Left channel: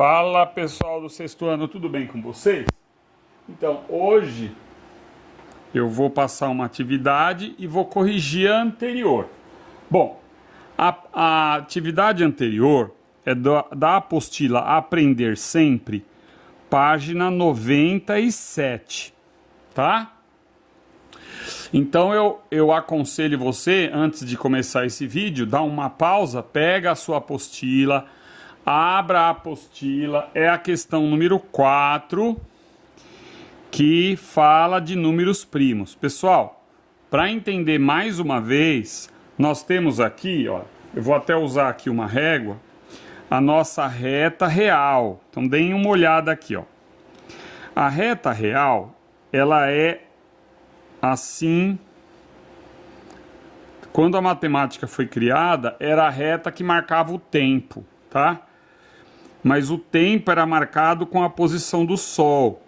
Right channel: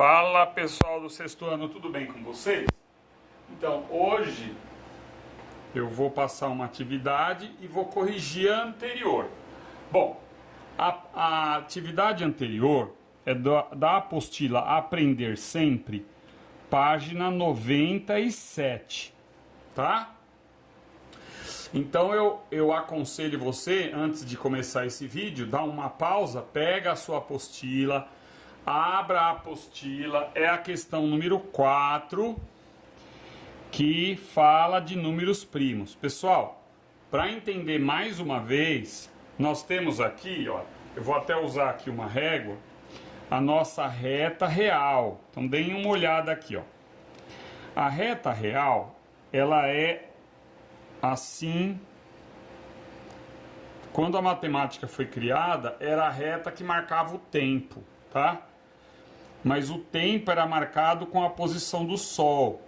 Fala pessoal do sexto ano, tudo bem com vocês? Então, hoje eu vou passar uma atividade e vou corrigir a anterior. Bom, a atividade anterior é da apostila Aprender Sempre, página 97, tá? Então eu aconselho você, antes de começar esse vídeo, dá uma pausa, pega a sua apostila, abra a apostila, é a questão número 4, que fala de números primos. Pessoal, para entender mais uma vez, nós temos aqui, ó, eu vou até usar aqui uma régua, a nossa reta real. Então deem uma olhada aqui, ó. A reta real, ela é assim. Quando a matemática foi criada, era a reta que marcava o tempo, tá? Mas o tempo era marcado com a posição do Sol,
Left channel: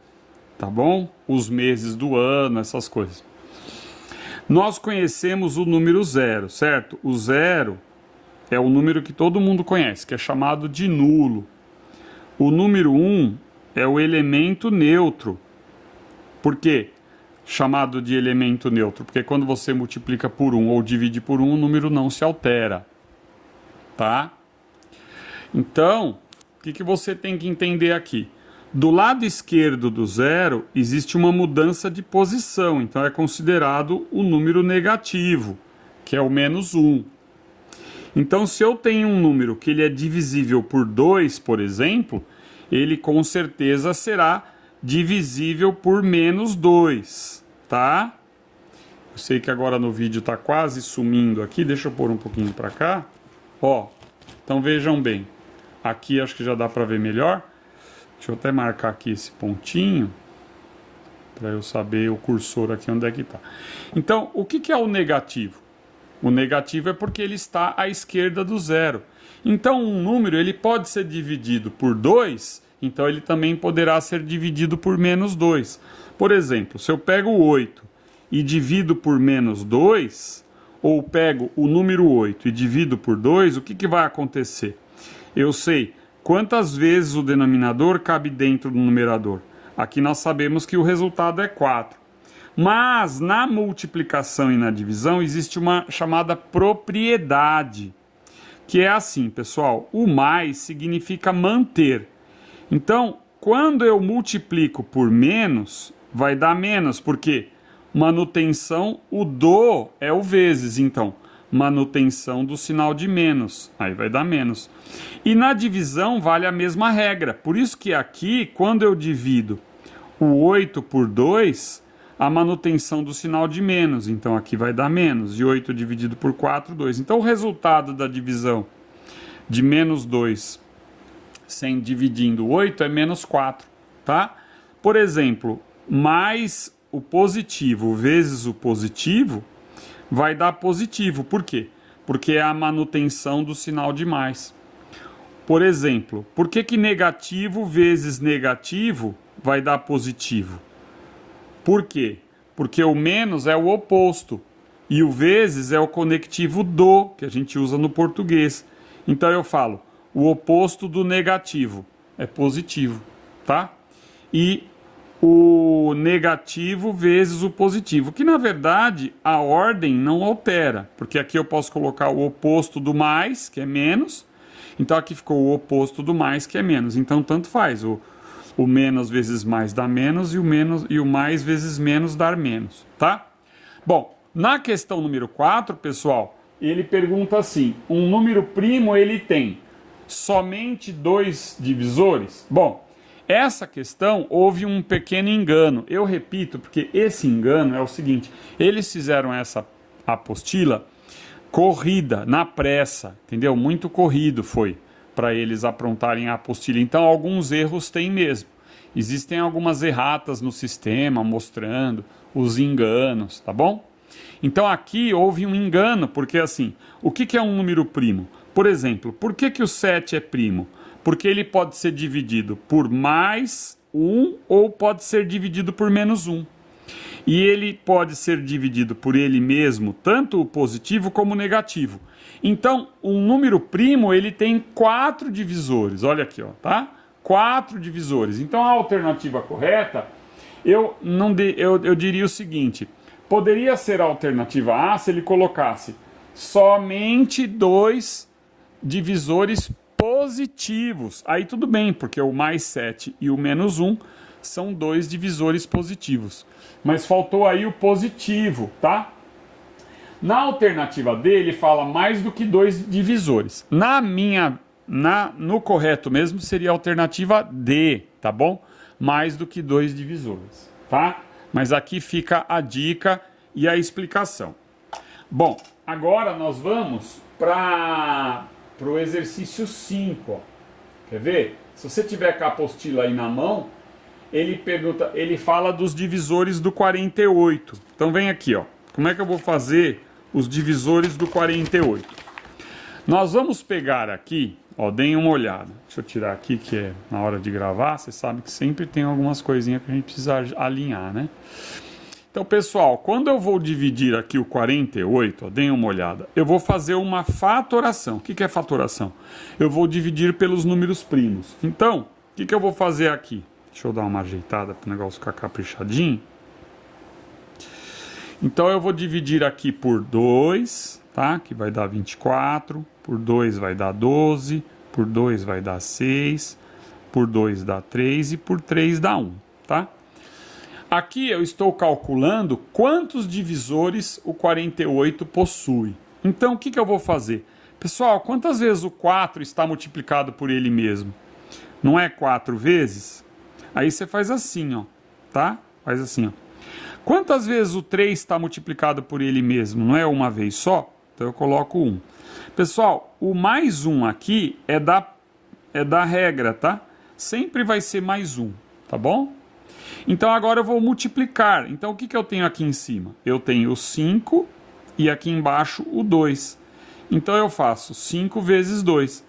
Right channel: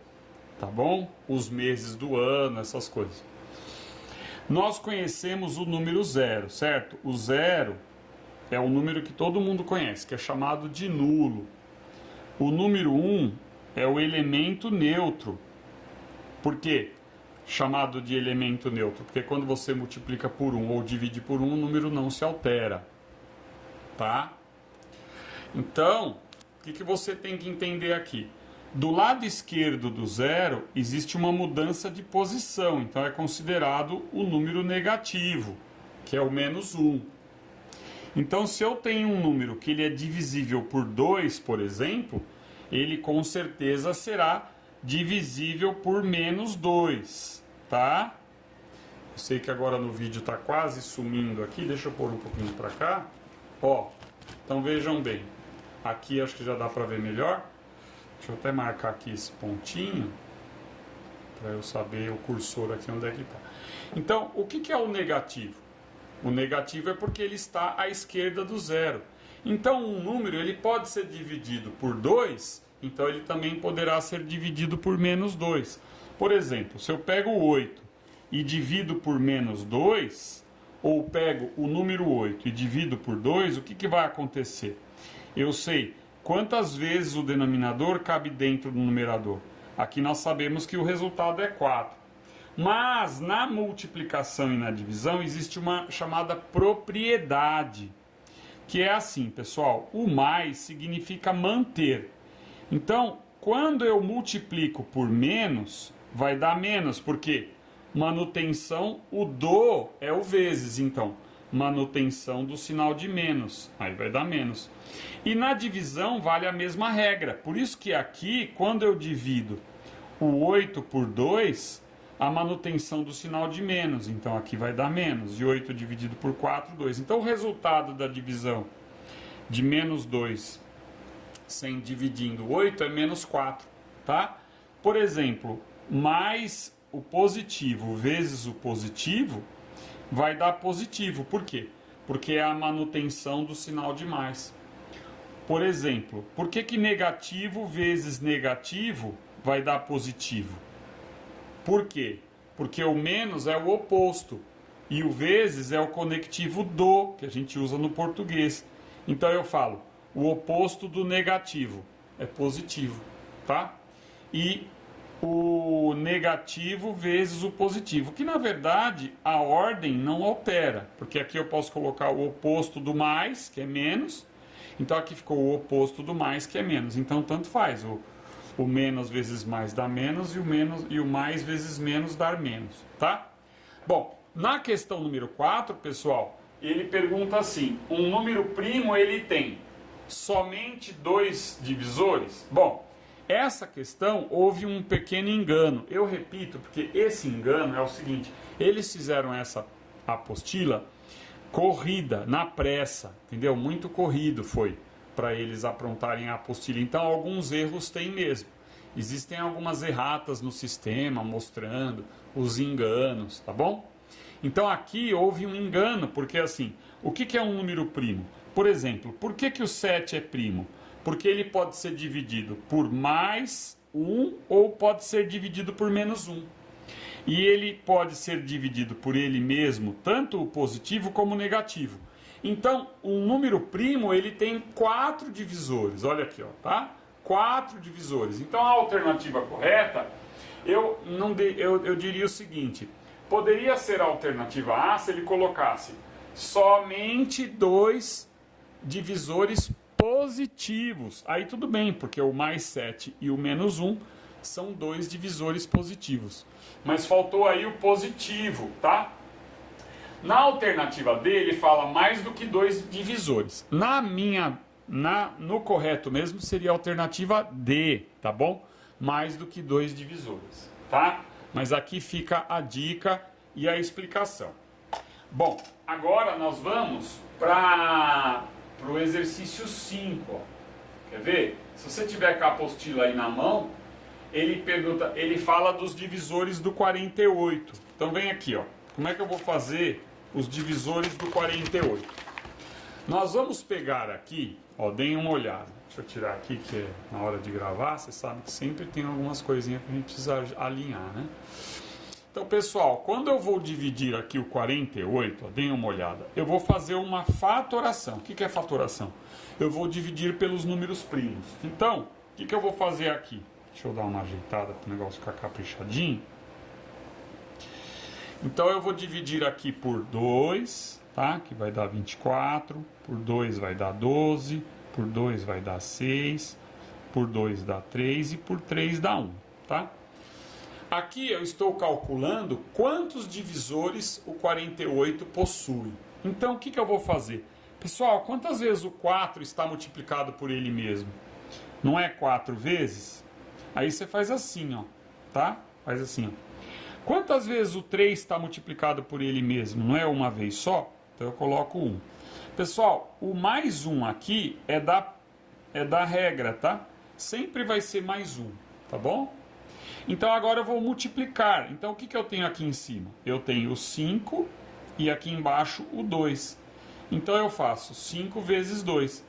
tá bom? Os meses do ano, essas coisas. Nós conhecemos o número zero, certo? O zero é o número que todo mundo conhece, que é chamado de nulo. O número 1 é o elemento neutro. Por quê? Chamado de elemento neutro, porque quando você multiplica por 1 ou divide por 1, o número não se altera, tá? Então, o que você tem que entender aqui? Do lado esquerdo do zero, existe uma mudança de posição, então é considerado o número negativo, que é o menos 1. Então, se eu tenho um número que ele é divisível por 2, por exemplo, ele com certeza será divisível por menos 2, tá? Eu sei que agora no vídeo está quase sumindo aqui, deixa eu pôr um pouquinho para cá. Ó, então vejam bem, aqui acho que já dá para ver melhor. Deixa eu até marcar aqui esse pontinho, para eu saber o cursor aqui onde é que está. Então, o que é o negativo? O negativo é porque ele está à esquerda do zero. Então, um número ele pode ser dividido por 2, então ele também poderá ser dividido por menos 2. Por exemplo, se eu pego o 8 e divido por menos 2, ou pego o número 8 e divido por 2, o que vai acontecer? Eu sei quantas vezes o denominador cabe dentro do numerador. Aqui nós sabemos que o resultado é 4. Mas na multiplicação e na divisão existe uma chamada propriedade, que é assim, pessoal, o mais significa manter. Então, quando eu multiplico por menos, vai dar menos, porque manutenção, o do é o vezes, então, manutenção do sinal de menos, aí vai dar menos. E na divisão vale a mesma regra, por isso que aqui, quando eu divido o 8 por 2, a manutenção do sinal de menos, então aqui vai dar menos, e 8 dividido por 4, 2. Então o resultado da divisão de menos 2 sem dividindo 8 é menos 4, tá? Por exemplo, mais o positivo vezes o positivo vai dar positivo. Por quê? Porque é a manutenção do sinal de mais. Por exemplo, por que negativo vezes negativo vai dar positivo? Por quê? Porque o menos é o oposto e o vezes é o conectivo do, que a gente usa no português. Então eu falo, o oposto do negativo é positivo, tá? E o negativo vezes o positivo, que na verdade a ordem não altera, porque aqui eu posso colocar o oposto do mais, que é menos, então aqui ficou o oposto do mais, que é menos, então tanto faz, o menos vezes mais dá menos e o mais vezes menos dá menos, tá? Bom, na questão número 4, pessoal, ele pergunta assim, um número primo ele tem somente 2 divisores? Bom, essa questão houve um pequeno engano. Eu repito, porque esse engano é o seguinte, eles fizeram essa apostila corrida, na pressa, entendeu? Muito corrido foi para eles aprontarem a apostila. Então, alguns erros tem mesmo. Existem algumas erratas no sistema mostrando os enganos, tá bom? Então, aqui houve um engano, porque assim, o que é um número primo? Por exemplo, por que o 7 é primo? Porque ele pode ser dividido por mais 1 ou pode ser dividido por menos 1. E ele pode ser dividido por ele mesmo, tanto o positivo como o negativo. Então, um número primo, ele tem 4 divisores. Olha aqui, ó, tá? 4 divisores. Então a alternativa correta, eu diria o seguinte: poderia ser a alternativa A se ele colocasse somente 2 divisores positivos. Aí tudo bem, porque o mais 7 e o menos 1 são 2 divisores positivos. Mas faltou aí o positivo, tá? Na alternativa D, ele fala mais do que 2 divisores. No correto mesmo seria a alternativa D, tá bom? Mais do que 2 divisores, tá? Mas aqui fica a dica e a explicação. Bom, agora nós vamos para o exercício 5. Ó. Quer ver? Se você tiver com a apostila aí na mão, ele fala dos divisores do 48. Então vem aqui, ó. Como é que eu vou fazer os divisores do 48? Nós vamos pegar aqui, ó, deem uma olhada. Deixa eu tirar aqui, que é na hora de gravar, você sabe que sempre tem algumas coisinhas que a gente precisa alinhar, né? Então, pessoal, quando eu vou dividir aqui o 48, ó, deem uma olhada, eu vou fazer uma fatoração. O que é fatoração? Eu vou dividir pelos números primos. Então, o que eu vou fazer aqui? Deixa eu dar uma ajeitada para o negócio ficar caprichadinho. Então, eu vou dividir aqui por 2, tá? Que vai dar 24, por 2 vai dar 12, por 2 vai dar 6, por 2 dá 3 e por 3 dá 1, tá? Aqui eu estou calculando quantos divisores o 48 possui. Então, o que eu vou fazer? Pessoal, quantas vezes o 4 está multiplicado por ele mesmo? Não é 4 vezes? Aí você faz assim, ó, tá? Faz assim, ó. Quantas vezes o 3 está multiplicado por ele mesmo? Não é uma vez só? Então eu coloco 1. Pessoal, o mais 1 aqui é da regra, tá? Sempre vai ser mais 1, tá bom? Então agora eu vou multiplicar. Então o que eu tenho aqui em cima? Eu tenho o 5 e aqui embaixo o 2. Então eu faço 5 vezes 2.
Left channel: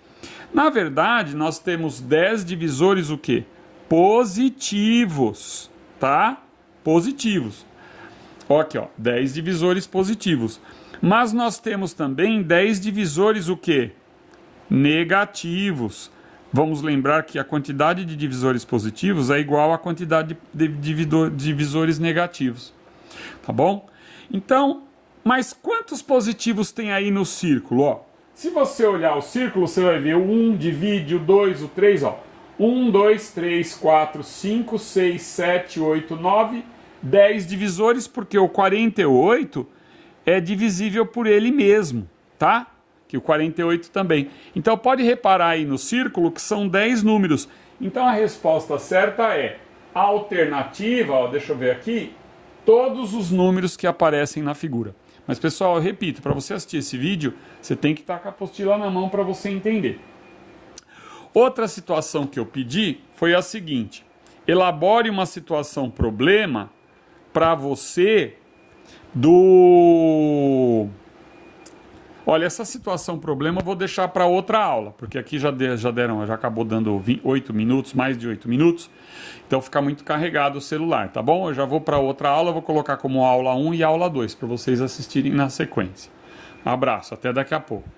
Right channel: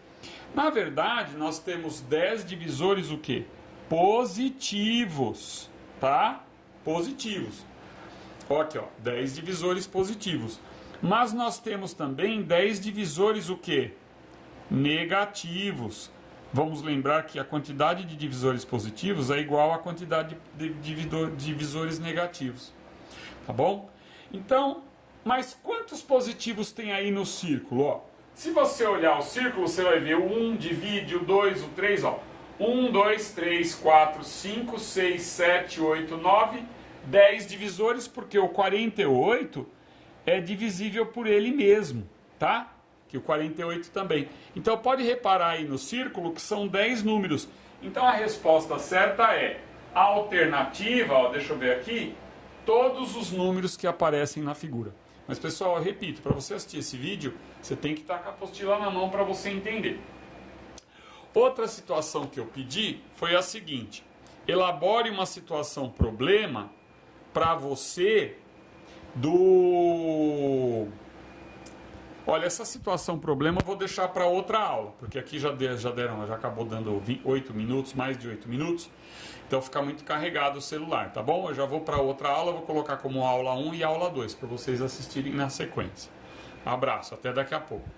Na verdade, nós temos 10 divisores o quê? Positivos, tá? Positivos. Ó, aqui, ó, 10 divisores positivos. Mas nós temos também 10 divisores o quê? Negativos. Vamos lembrar que a quantidade de divisores positivos é igual à quantidade de divisores negativos. Tá bom? Então, mas quantos positivos tem aí no círculo? Ó, se você olhar o círculo, você vai ver o 1 divide o 2, o 3, ó. 1, 2, 3, 4, 5, 6, 7, 8, 9, 10 divisores, porque o 48 é divisível por ele mesmo, tá? Que o 48 também. Então pode reparar aí no círculo que são 10 números. Então a resposta certa é a alternativa, ó, deixa eu ver aqui, todos os números que aparecem na figura. Mas pessoal, eu repito, para você assistir esse vídeo, você tem que estar com a apostila na mão para você entender. Outra situação que eu pedi foi a seguinte: elabore uma situação problema para você do... Olha, essa situação problema eu vou deixar para outra aula, porque aqui já acabou dando 8 minutos, mais de 8 minutos, então fica muito carregado o celular, tá bom? Eu já vou para outra aula, vou colocar como aula 1 e aula 2, para vocês assistirem na sequência. Um abraço, até daqui a pouco.